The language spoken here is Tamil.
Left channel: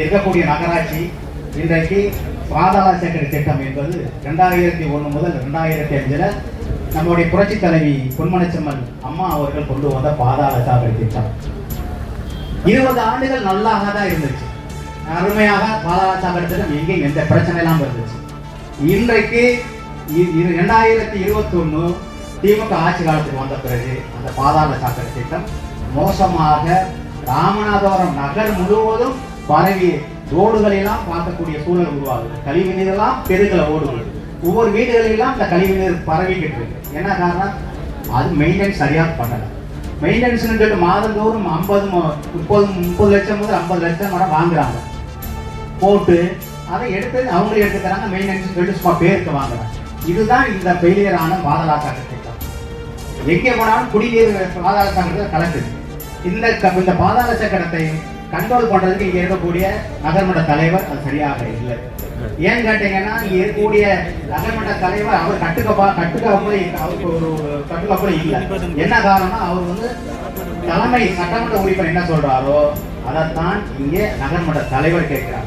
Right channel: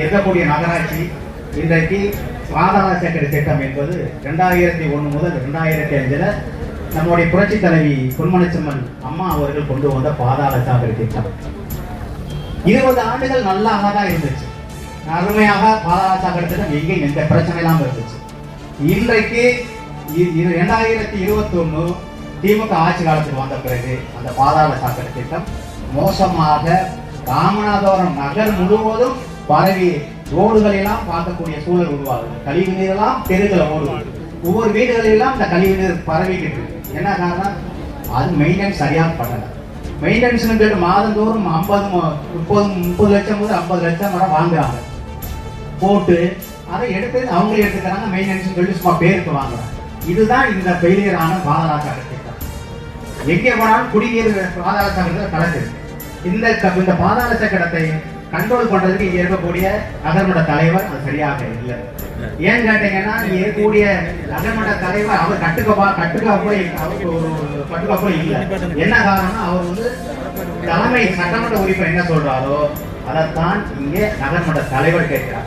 இருக்கக்கூடிய நகராட்சி இன்றைக்கு பாதாள சாக்கடை திட்டம் என்பது 2001 முதல் 2005 நம்முடைய புரட்சி தலைவி பொன்மனச்செம்மல் அம்மா அவர்கள் கொண்டு வந்த பாதாள சாக்கடை திட்டம் 20 ஆண்டுகள் நல்லாக தான் இருந்துச்சு. அருமையாக பாதாள சாக்கடை திட்டம் எங்கேயும் எந்த பிரச்சனை இல்லாமல் இருந்துச்சு. இன்றைக்கு 2021 திமுக ஆட்சி காலத்துக்கு வந்த பிறகு அந்த பாதாள சாக்கடை திட்டம் மோசமாக ராமநாதபுரம் நகர் முழுவதும் பரவி ரோடுகளெல்லாம் பார்க்கக்கூடிய சூழல் உருவாகுது. கழிவு நீரெல்லாம் தெருக்களை ஓடுது. ஒவ்வொரு வீடுகளெல்லாம் இந்த கழிவு நீர் பரவிக்கிட்டு இருக்கு. என்ன காரணம்? அது மெயின்டெனன்ஸ் சரியாக பண்ணல. மெயின்டெனன்ஸ் சொல்லிட்டு மாதந்தோறும் 30 லட்சம் முதல் 50 லட்சம் வரை வாங்குறாங்க. போட்டு அதை எடுத்து அவங்களே எடுத்துக்கிறாங்க. மெயின்டெனன்ஸ் சொல்லி சும்மா பேருக்கு வாங்குறாங்க. இதுதான் இந்த ஃபெயிலியரான பாதாள சாக்கடை திட்டம். எங்கே போனாலும் குடிநீர் பாதாள சாக்கடை கலக்குது. இந்த பாதாள சாக்கடத்தை கண்ட்ரோல் பண்றதுக்கு இங்க இருக்கக்கூடிய நகர்மன்ற தலைவர் அது சரியாக இல்லை. ஏன்னு கேட்டீங்கன்னா இங்க இருக்கக்கூடிய நகர்மன்ற தலைவர் அவர் கட்டுக்கோப்பை இல்லை. என்ன காரணம்? அவர் தலைமை சட்டமன்ற உறுப்பினர் என்ன சொல்றாரோ அதைத்தான் இங்கே நகர்மன்ற தலைவர் கேட்கிறார்.